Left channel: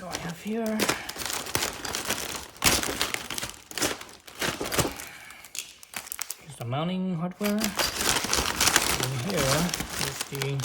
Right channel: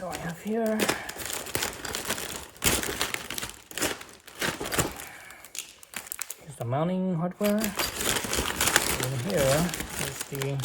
So I have here here's the mounting hardware. And here is the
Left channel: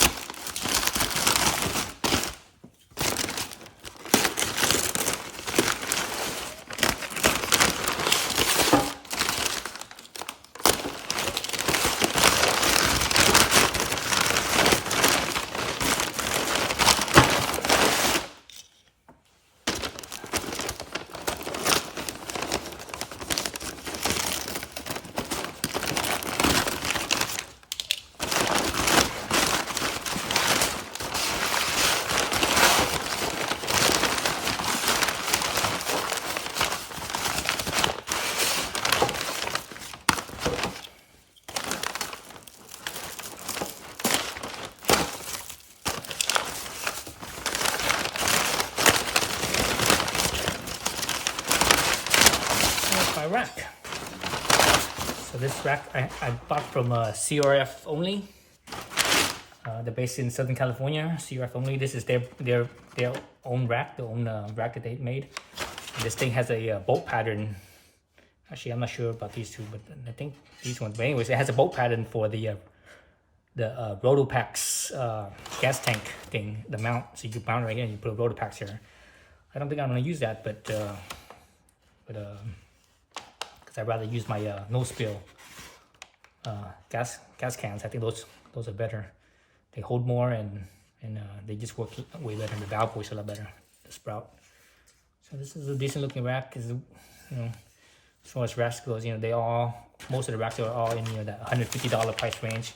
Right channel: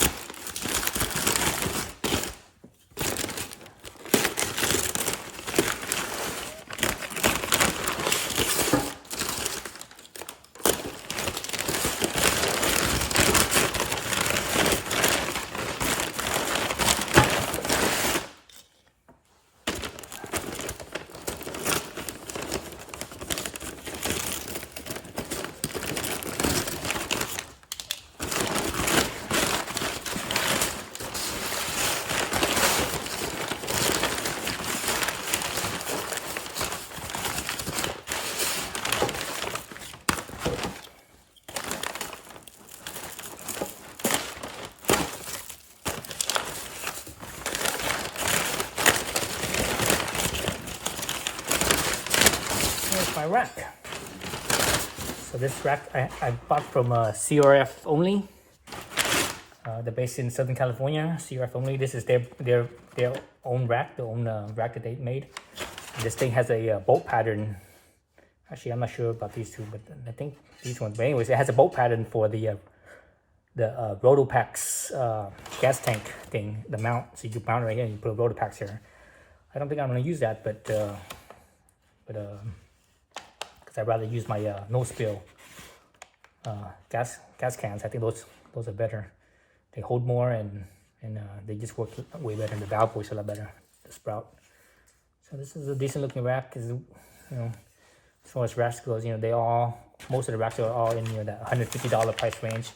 my rack. So this rack I bought from CRF Only. They're based in Southern California. CRF Only. This is their own rack, the own rack that they made. And this thing has a bolt pattern. Actually, I'm not sure about these two, but I think these ones. But anyways, it has a bolt pattern for the Rotopax gas tank thing, the mount. So you can mount it right here and you put Rotopax here. I don't think I'm gonna use that, but because I'd rather use my no spill gas cans. I think those are better. They hold more and they just work way better. The valve works a lot better. The sprout. So this is a decent looking rack. Because as far as racks goes, most of the racks are all in that $150 price range.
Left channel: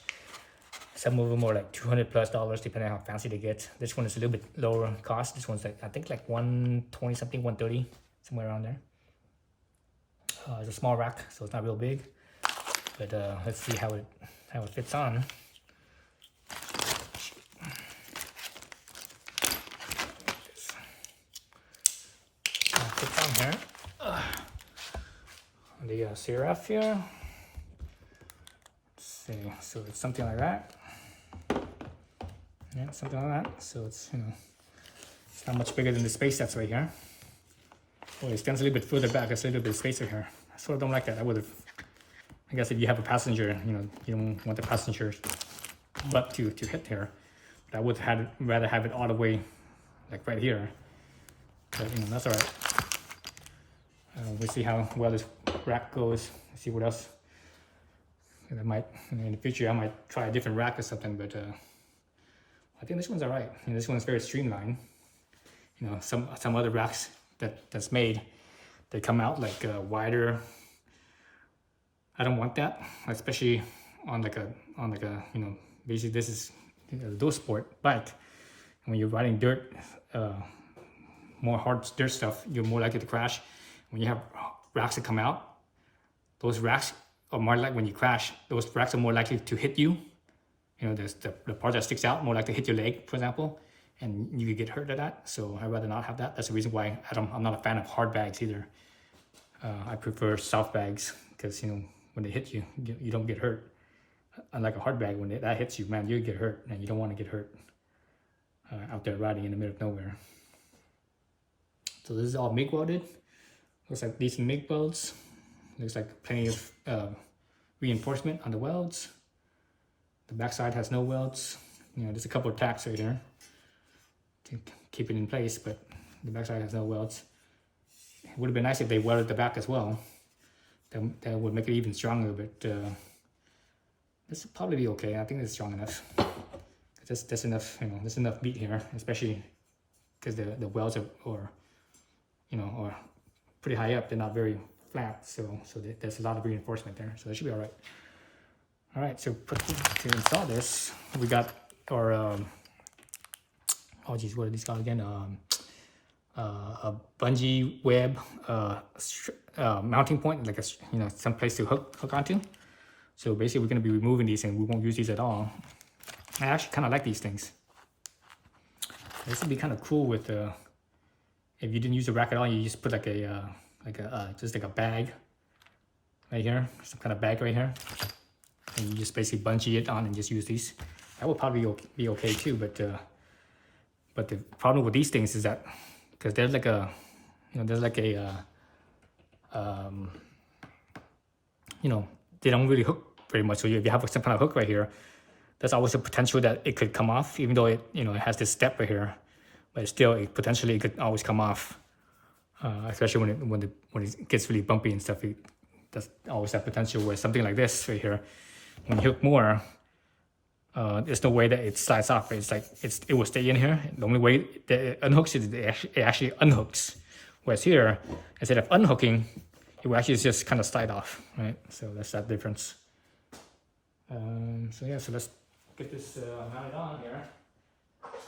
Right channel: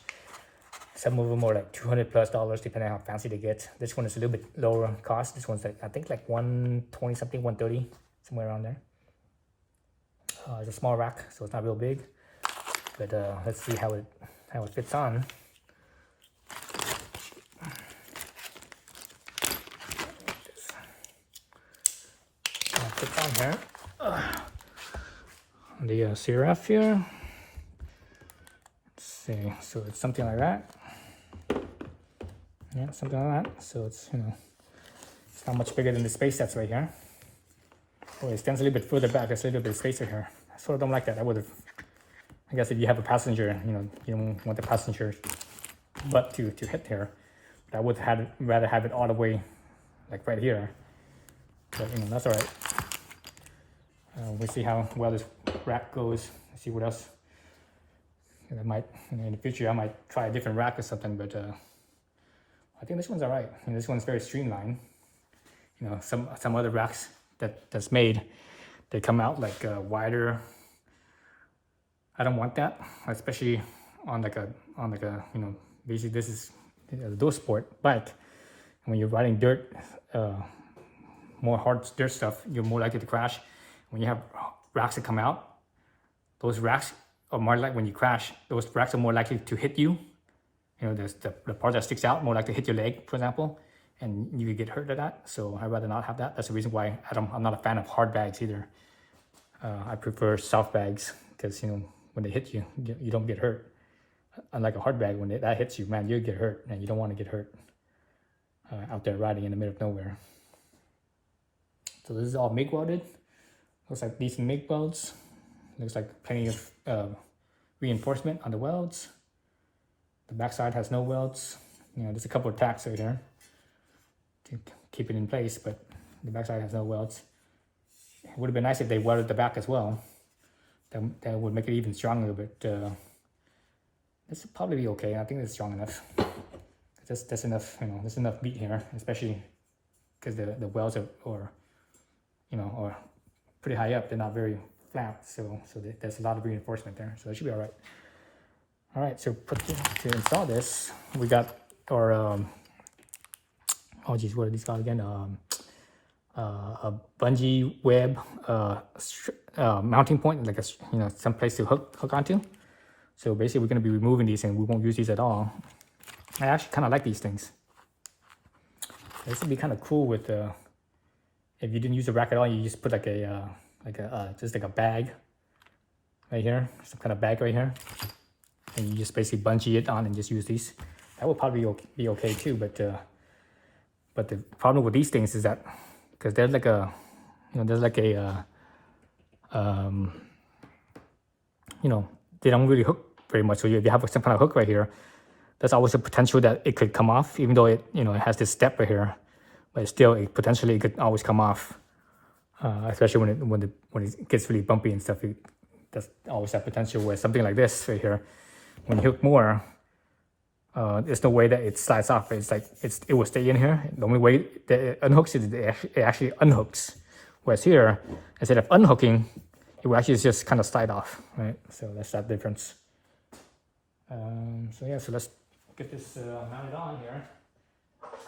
Some of them are like $200+ depending on how fancy they get. This one is a little bit lower in cost. This one's like I think like $120 something, $130, somewhere around there. It's a small rack, so it's not real big. But let's see how it fits on. Fits on here. The CRF here. Let's see. So it's something like that. Yeah, something like that. So it's it's not much bigger than the space that's right here. Oh, it stands a little bit further back. There's a little bit of spacer here. I sort of don't like that. I guess if you have a passenger, you don't want the passenger's butt to hit here. But I would rather have it all the way, like right here. But that's all right. We'll see how well this rack goes. See what else. I might in the future I might try a different rack or something. But I think this one's all right. This one's very streamlined. Some other racks that's made, they come out like wider. I don't want that, especially on like a basically this is a dual sport bike. And when you're riding dirt, more hard dirt stuff, you're more likely to crash. When you have racks that come out, those racks are more like when you crash, those racks are more likely to hit you. There's the part that sticks out more likely to hit your leg, for example. And you could get hurt at that, so I'd rather not have that. That's the reason why I'm not a fan of hard bags either. I prefer soft bags because when they hit you, you don't get hurt. Unlike a hard bag, when that hits you, man, you get hurt, and you don't want to get hurt out there riding in the middle of nowhere. So this is all MIG welded. Looks like decent MIG welds. Looks like plenty of reinforcement on the welds. The backside has no welds. There's a couple of tacks right there to keep it in place, but the backside has no welds. It would have been nice if they welded the back as well. That would make it even stronger, but this will probably be okay. I think it's strong enough. There's enough, there's enough meat here, especially because the welds are pretty high up. They're not very flat, so there's a lot of reinforcement there, so it should be all right. All right, so to install this, we got our oh geez, what are these called again? A bungee web mounting point, like some place to hook onto. So basically, we're going to be removing these, and we won't use these at all. I actually kind of like these things. This would be kind of cool with if you didn't use a rack at all, you just put just like a bag right here, some kind of bag right here, and you just basically bungee it on and just use these. That would probably be okay too, but the problem with these things is that because there's like a, there's like a, they don't really hook very much. So if you have some kind of hook right here, there's always a potential that it could come off, even though it, it has this step right here, but still, potentially it could always come off, especially when it gets really bumpy and stuff. There's always that potential where something like this right here, when you hook more, there's no way that it slides off. It's like it will stay in here. The only way that it unhooks it actually unhooks. Whereas here, instead of unhooking, it will actually just kind of slide off, right? So that's that difference. So yeah, so let's get this mounted on here. Let's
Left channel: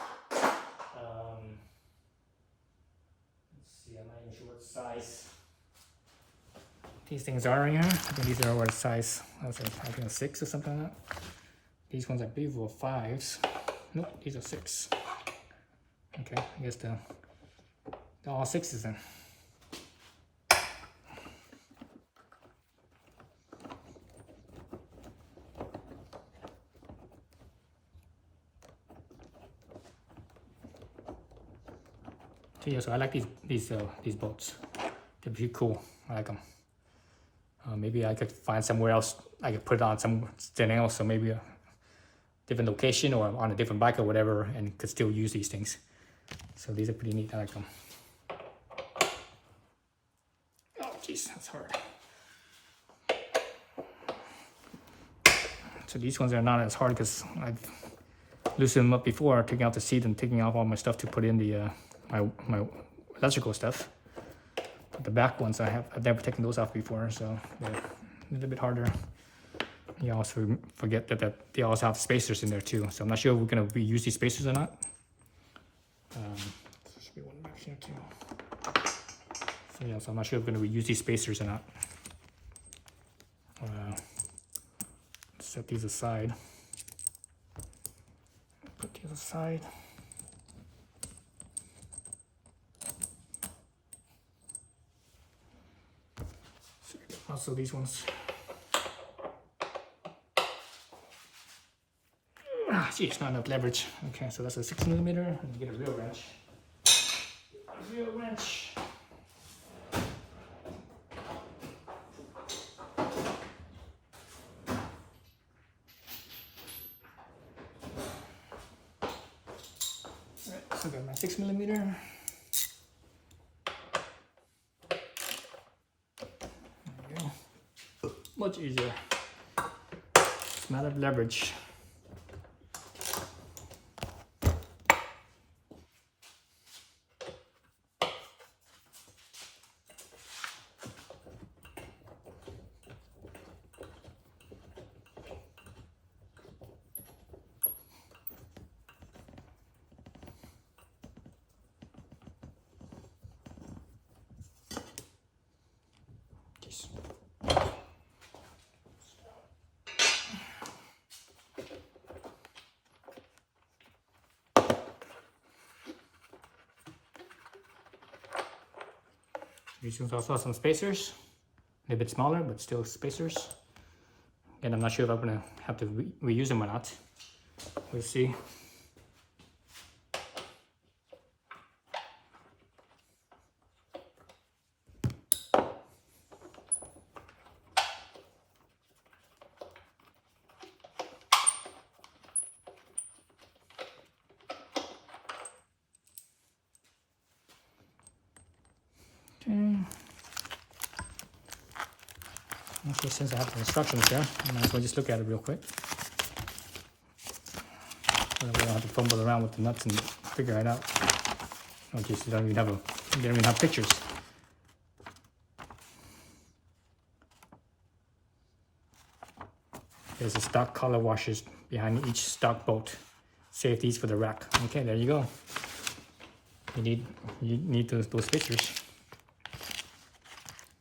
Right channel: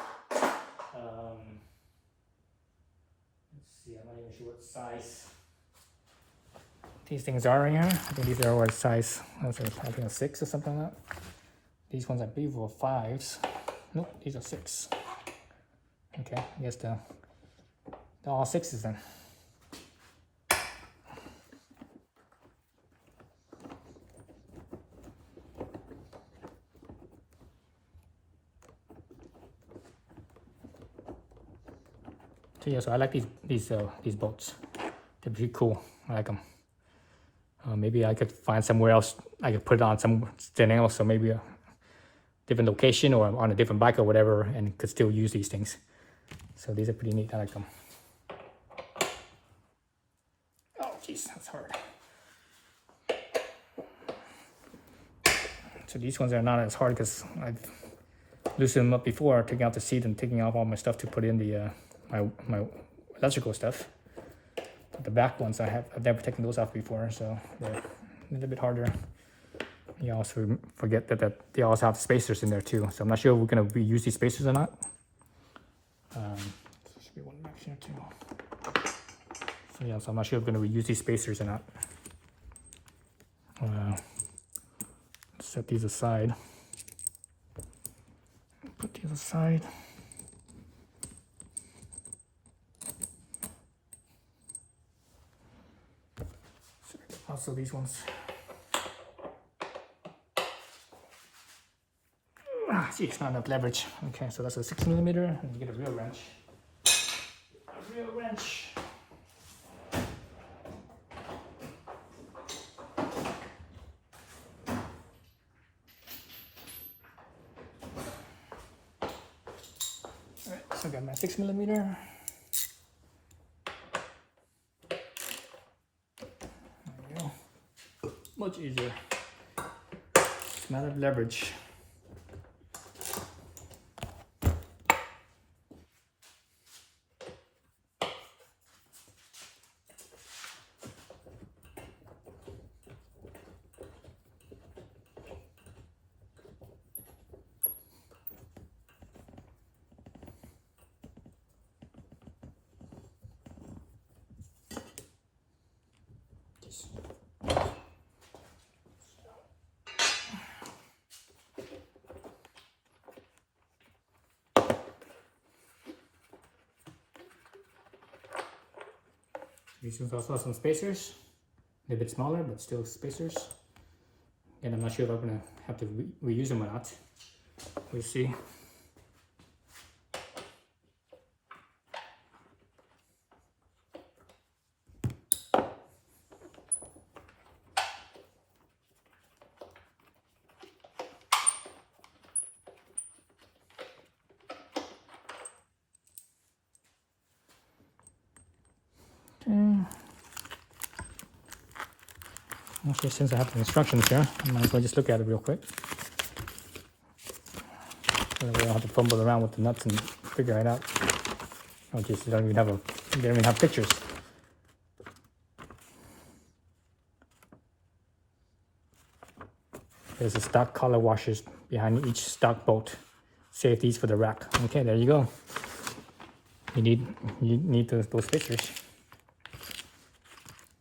see, I'm not even sure what size these things are in here. I think these are what size, I think a 6 or something like that. These ones I believe were 5s. Nope, these are 6. Okay, I guess they're all 6s then. So yeah, so I like these bolts. They're pretty cool. I like them. Maybe I could find somewhere else I could put it on something else, so maybe a different location or on a different bike or whatever, and could still use these things. So these are pretty neat. I like them. Oh jeez, that's hard. So these ones are not as hard because I've loosened them up before, taking out the seat and taking off all my stuff to put in the my electrical stuff. But the back ones I've never taken those off before, so they're a little bit harder. You also forget that they also have spacers in there too. So I'm not sure if we're gonna reuse these spacers or not. There should be one back here too. So yeah, so I'm not sure if we're gonna reuse these spacers or not. Set these aside. Put these aside. Also these ones. Geez, not enough leverage. Okay, so that's a 6mm. And get a real wrench. A real wrench. Alright, so I got my 6mm. There we go. Much easier. It's a matter of leverage. These ones also have some spacers, a bit smaller, but still spacers. And I'm not sure if I'm gonna have to reuse them or not. We'll see. Okay, since I have the instructions there, I might as well just look at it real quick. So we don't have to fumble around with the nuts and figure it out. Oh geez, they don't even have pictures. There's a stock collar washers behind each stock bolt. Save these for the rack. Okay, there you go. You need those pictures.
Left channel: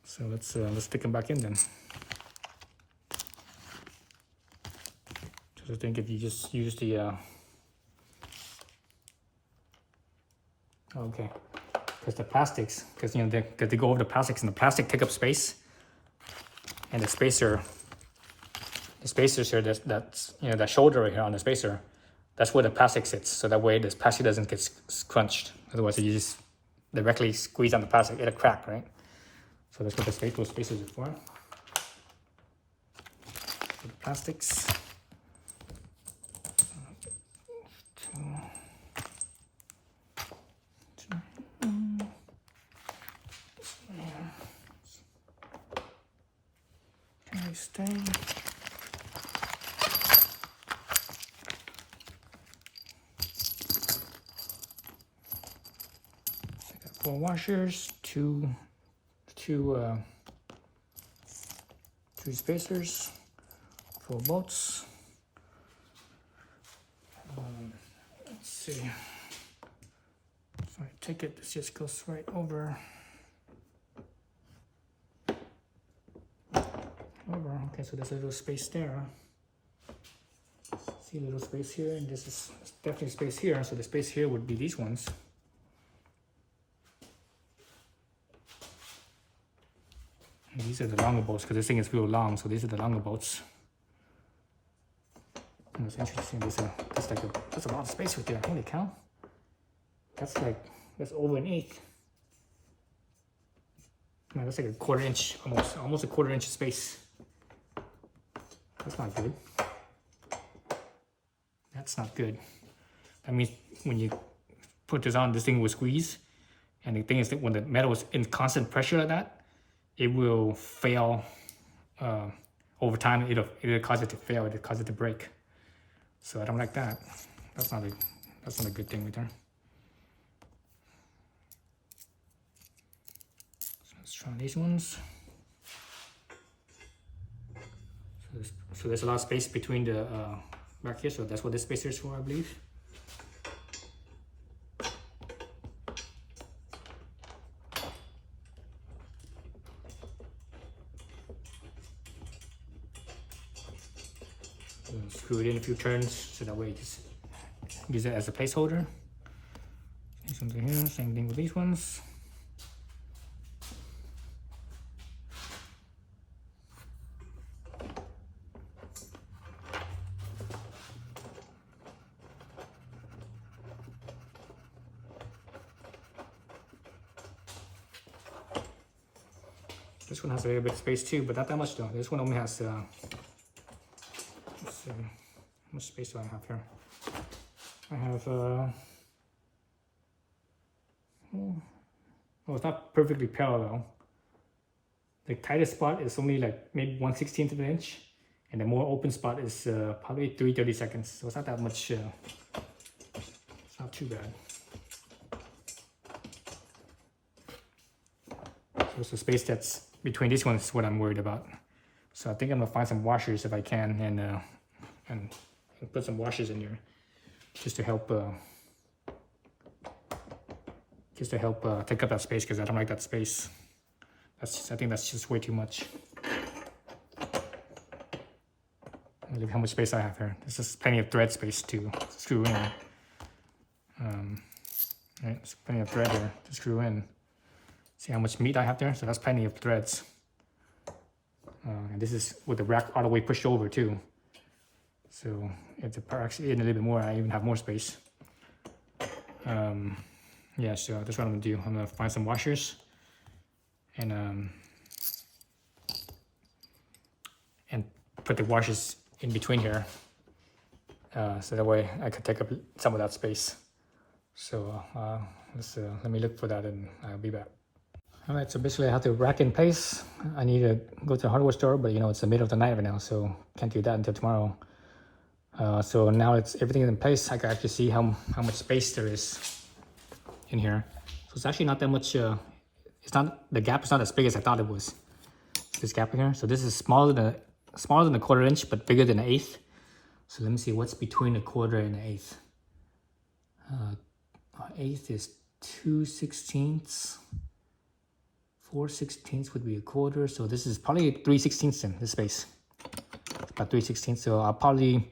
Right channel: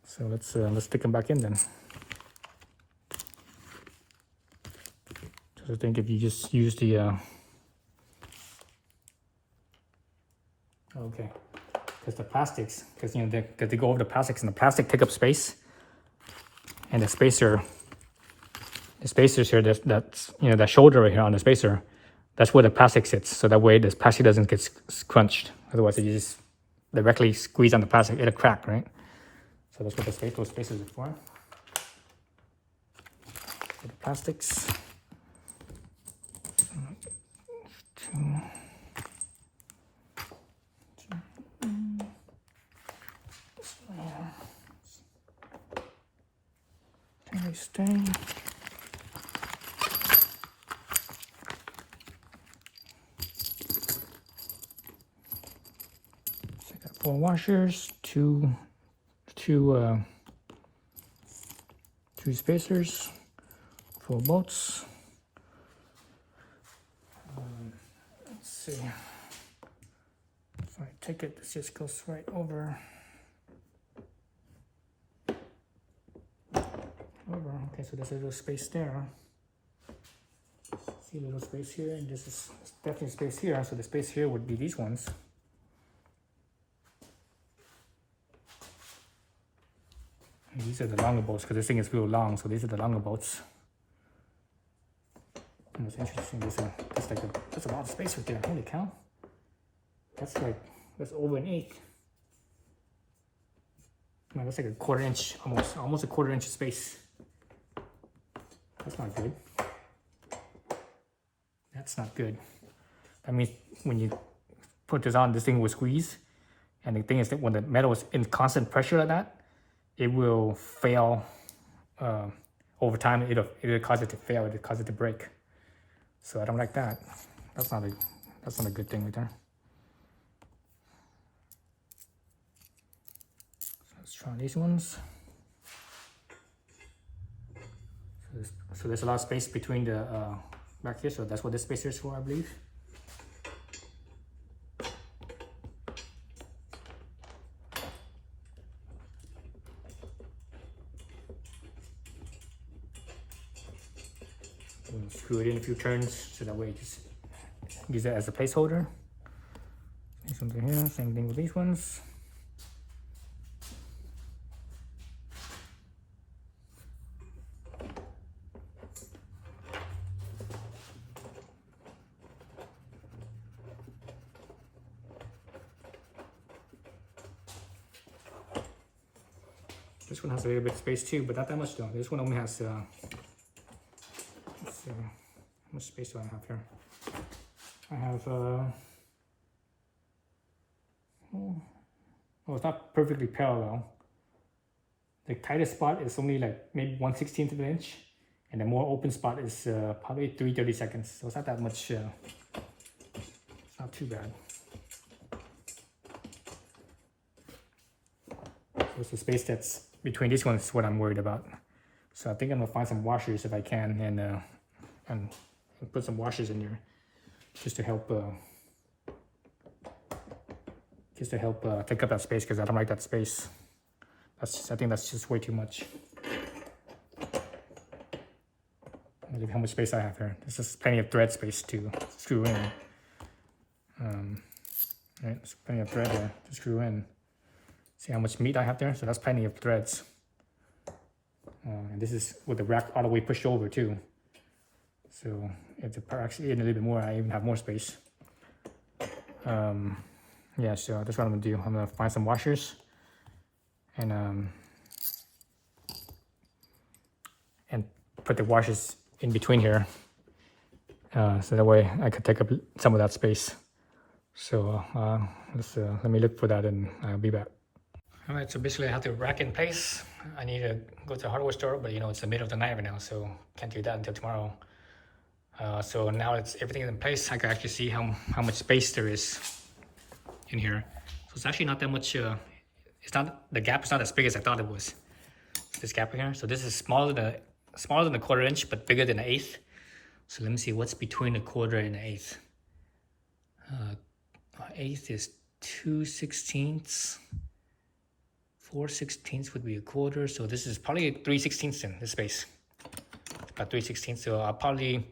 So let's stick them back in then. So I think if you just use the okay, because the plastics, because they go over the plastics, and the plastic take up space, and the spacers here, that's that shoulder right here on the spacer, that's where the plastic sits. So that way this plastic doesn't get scrunched. Otherwise, you just directly squeeze on the plastic, it'll crack, right? So that's what the space, those spaces are for. For the plastics. Stay. 4 washers, two spacers, 4 bolts. Let's see. If I take it, this just goes right over. Okay, so there's a little space there. See a little space here, and this is definitely space here. So the space here would be these ones. And these are the longer bolts because this thing is real long. So these are the longer bolts. And what's interesting, that's a lot of space right there. Holy cow! That's over an eighth. Man, that's like a 1/4 inch, almost a 1/4 inch of space. That's not good. That's not good. That means when you put this on, this thing will squeeze. And the thing is that when the metal is in constant pressure like that, it will fail. Over time, it'll cause it to fail. It'll cause it to break. So I don't like that. That's not a good thing right there. So let's try these ones. So there's a lot of space between the back here, so that's what this spacer is for, I believe. We'll screw it in a few turns so that way it just use it as a placeholder. Something here, same thing with these ones. This one has a little bit of space too, but not that much though. This one only has, how much space do I have here? I have, oh, it's not perfectly parallel. The tightest spot is only like maybe 1/16 of an inch, and the more open spot is probably 3/32. So it's not that much, it's not too bad. So it's the space that's between these ones is what I'm worried about. So I think I'm gonna find some washers if I can, and put some washers in here just to help take up that space, because I don't like that space. I think that's just way too much. Look how much space I have here. This is plenty of thread space to screw in. Right, there's plenty of thread there to screw in. See how much meat I have there? So that's plenty of threads. And this is with the rack all the way pushed over too. So if the part actually in a little bit more, I even have more space. Yeah, so that's what I'm gonna do. I'm gonna find some washers and put the washers in between here. So that way I could take up some of that space. So let me look for that and I'll be back. All right, so basically I have the rack in place. I need to go to the hardware store, but you know, it's the middle of the night right now, so can't do that until tomorrow. So now everything is in place. I can actually see how much space there is in here. So it's actually not that much, the gap is not as big as I thought it was. This gap in here. So this is smaller than a 1/4 inch, but bigger than an eighth. So let me see what's between a 1/4 and an eighth. Eighth is 2/16. 4/16 would be a 1/4, so this is probably 3/16 in this space. About 3/16. So I'll probably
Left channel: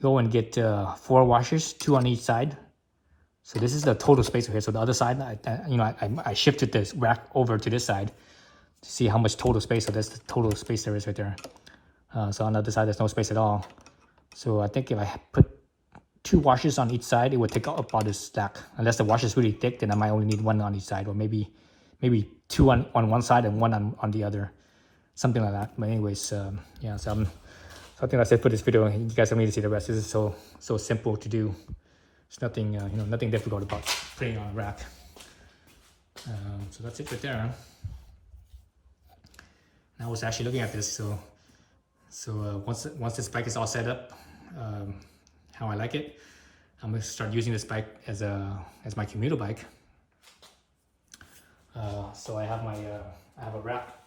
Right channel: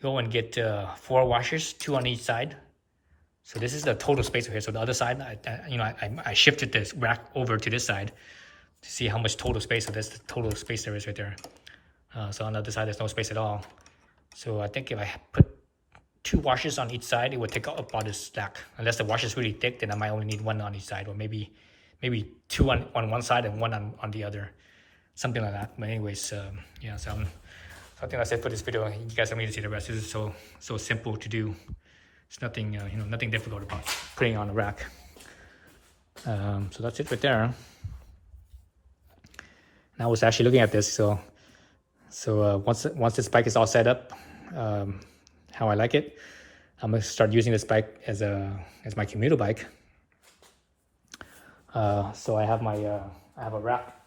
go and get 4 washers, 2 on each side. So this is the total space over here. So the other side, I shifted this rack over to this side to see how much total space. So that's the total space there is right there. So on the other side, there's no space at all. So I think if I put 2 washers on each side, it would take up all this stack. Unless the washer is really thick, then I might only need 1 on each side, or maybe 2 on one side and 1 on the other, something like that. But anyways, yeah. So I think that's it for this video. You guys don't need to see the rest. This is so simple to do. It's nothing nothing difficult about putting on a rack. So that's it right there. And I was actually looking at this. So once this bike is all set up, how I like it, I'm gonna start using this bike as my commuter bike. So I have I have a rack.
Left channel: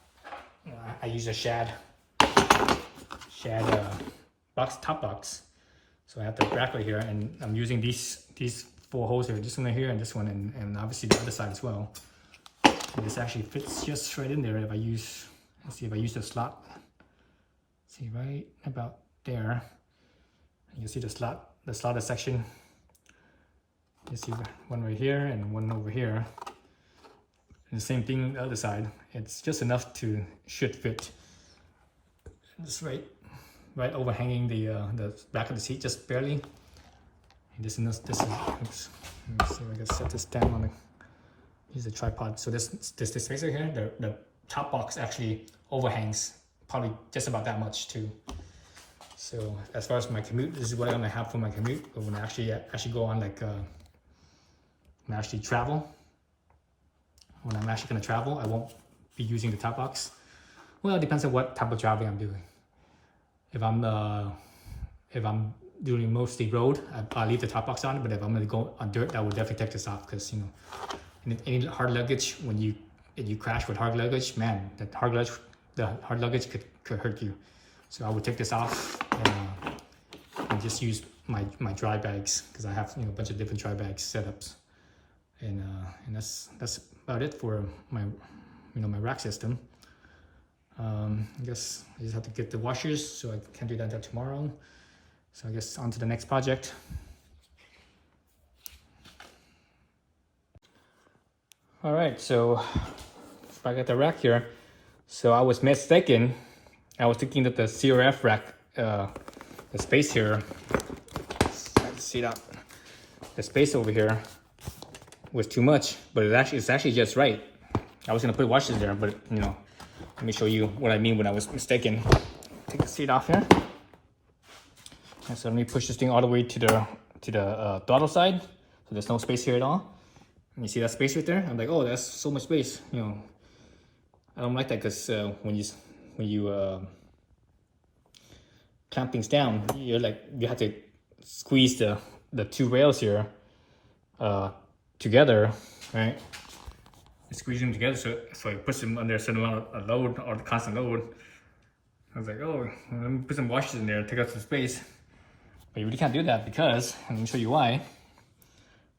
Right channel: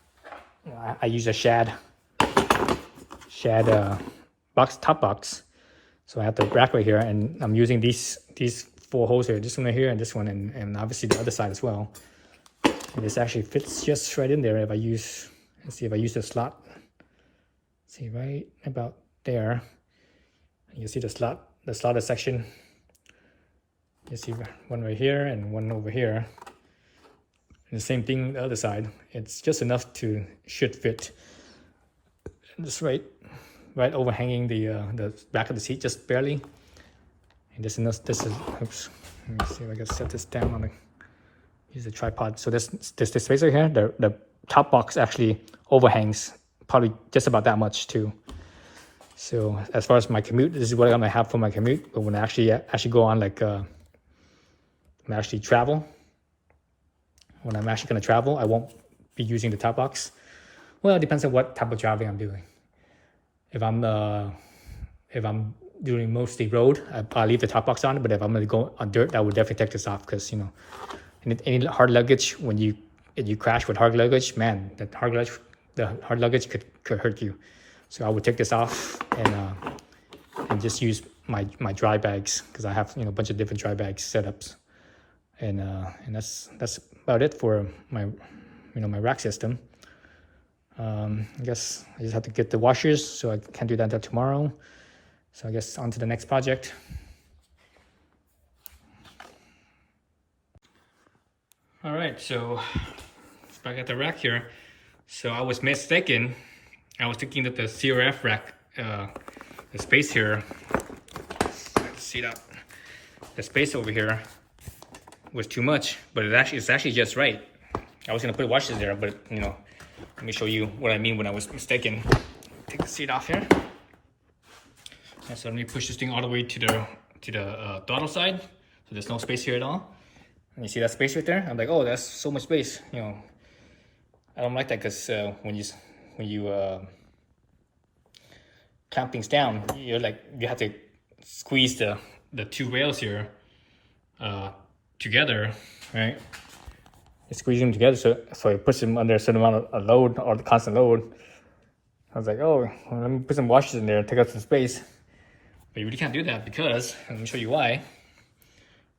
I use a shad top box. So I have the rack right here, and I'm using these 4 holes here, this one right here and this one, and obviously the other side as well. And this actually fits just right in there if I use, let's see if I use the slot. See, right about there. You see the slotted section. You see one right here and one over here. And the same thing the other side. It's just enough to should fit. Just right overhanging the back of the seat, just barely. And this is oops. Let me see if I can set this down on the use the tripod. So this space right here, the top box actually overhangs probably just about that much too. So as far as my commute, this is what I'm gonna have for my commute. But when I actually go on when I actually travel, when I'm actually gonna travel, I won't be using the top box. Well, it depends on what type of traveling I'm doing. If I'm doing mostly road, I'll leave the top box on. But if I'm gonna go on dirt, I would definitely take this off, because any hard luggage, when you crash with hard luggage, man, the hard luggage could hurt you. So I would take this off and just use my dry bags, because I have a bunch of different dry bag setups, and that's about it for my my rack system. I guess I just have to get the washers, so I can't do that until tomorrow. So I guess on to the next project. All right, so let's back at the rack here. So I was mistaken. I was thinking that the CRF rack, the space here, let's see that, the space over here was too much, but it's actually just right. I was gonna put washers there, but let me show you what I mean when I was mistaken. Take the seat off here. And so let me push this thing all the way to the throttle side, so there's no space here at all. And you see that space right there? I'm like, oh, that's so much space. I don't like that, because when you clamp things down, you have to squeeze the 2 rails here together, right? You squeeze them together so it puts them under a certain amount of load, or the constant load. I was like, oh, well, let me put some washers in there and take up some space. But you really can't do that, because let me show you why.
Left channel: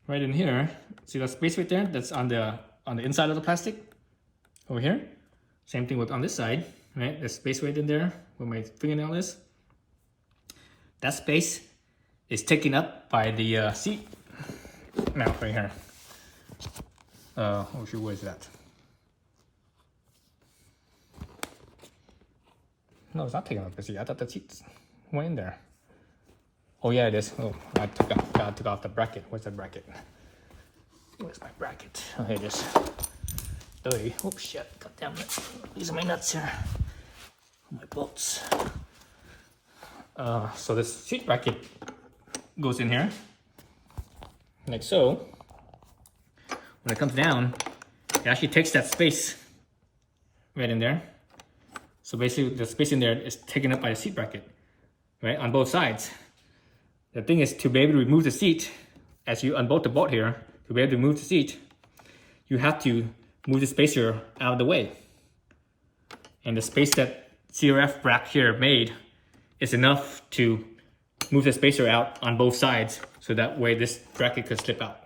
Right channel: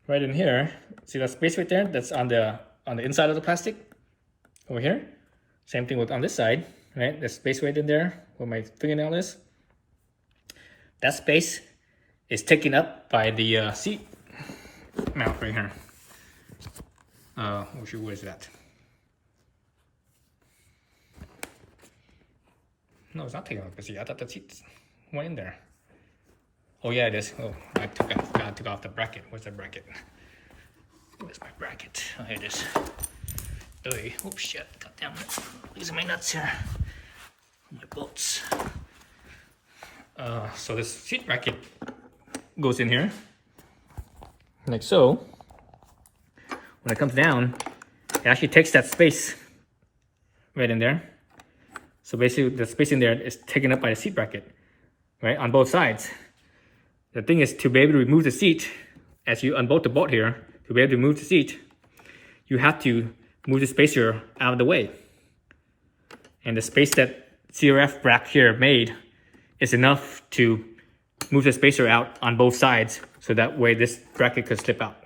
Right in here, see that space right there? That's on the inside of the plastic over here. Same thing with on this side, right? There's space right in there where my fingernail is. That space is taken up by the seat mount right here. Oh shoot, what is that? No, it's not taking up the seat. I thought the seat went in there. Oh yeah, it is. Oh, I took off the bracket. Where's the bracket? Where's my bracket? Oh, here it is. Oh, oops, shit. God damn it. These are my nuts here. My bolts. So this seat bracket goes in here, like so. When it comes down, it actually takes that space right in there. So basically, the space in there is taken up by the seat bracket, right, on both sides. The thing is, to be able to remove the seat, as you unbolt the bolt here, to be able to remove the seat, you have to move the spacer out of the way. And the space that CRF rack here made is enough to move the spacer out on both sides, so that way this bracket could slip out,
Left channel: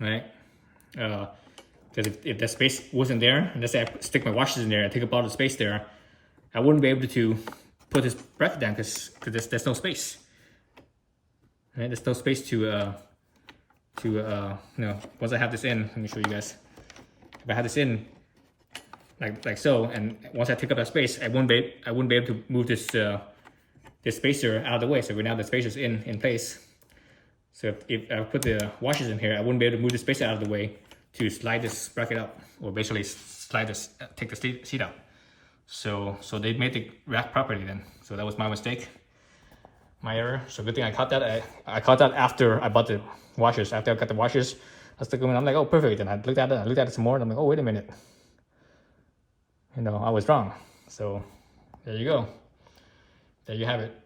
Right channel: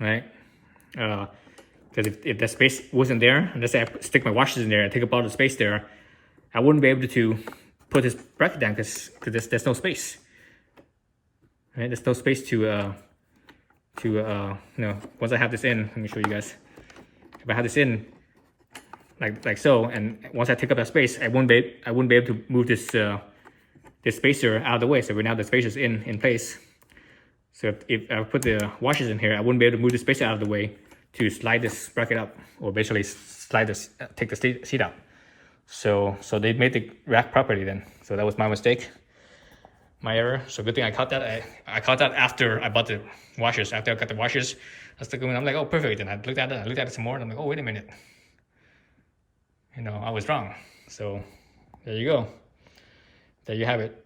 right? Because if that space wasn't there, unless I stick my washers in there and take up all the space there, I wouldn't be able to put this bracket down, because there's no space. Right? There's no space to once I have this in, let me show you guys. If I have this in like so, and once I take up that space, I wouldn't be able to move this the spacer out of the way. So now the spacer's in place. So if I put the washers in here, I wouldn't be able to move the spacer out of the way to slide this bracket up, or basically slide this, take the seat out. So they made the rack properly then. So that was my mistake, my error. So good thing I caught that. I caught that after I bought the washers. After I got the washers, I was looking, I'm like, oh, perfect. And I looked at it some more, and I'm like, oh, wait a minute. You know, I was wrong. So there you go. There you have it.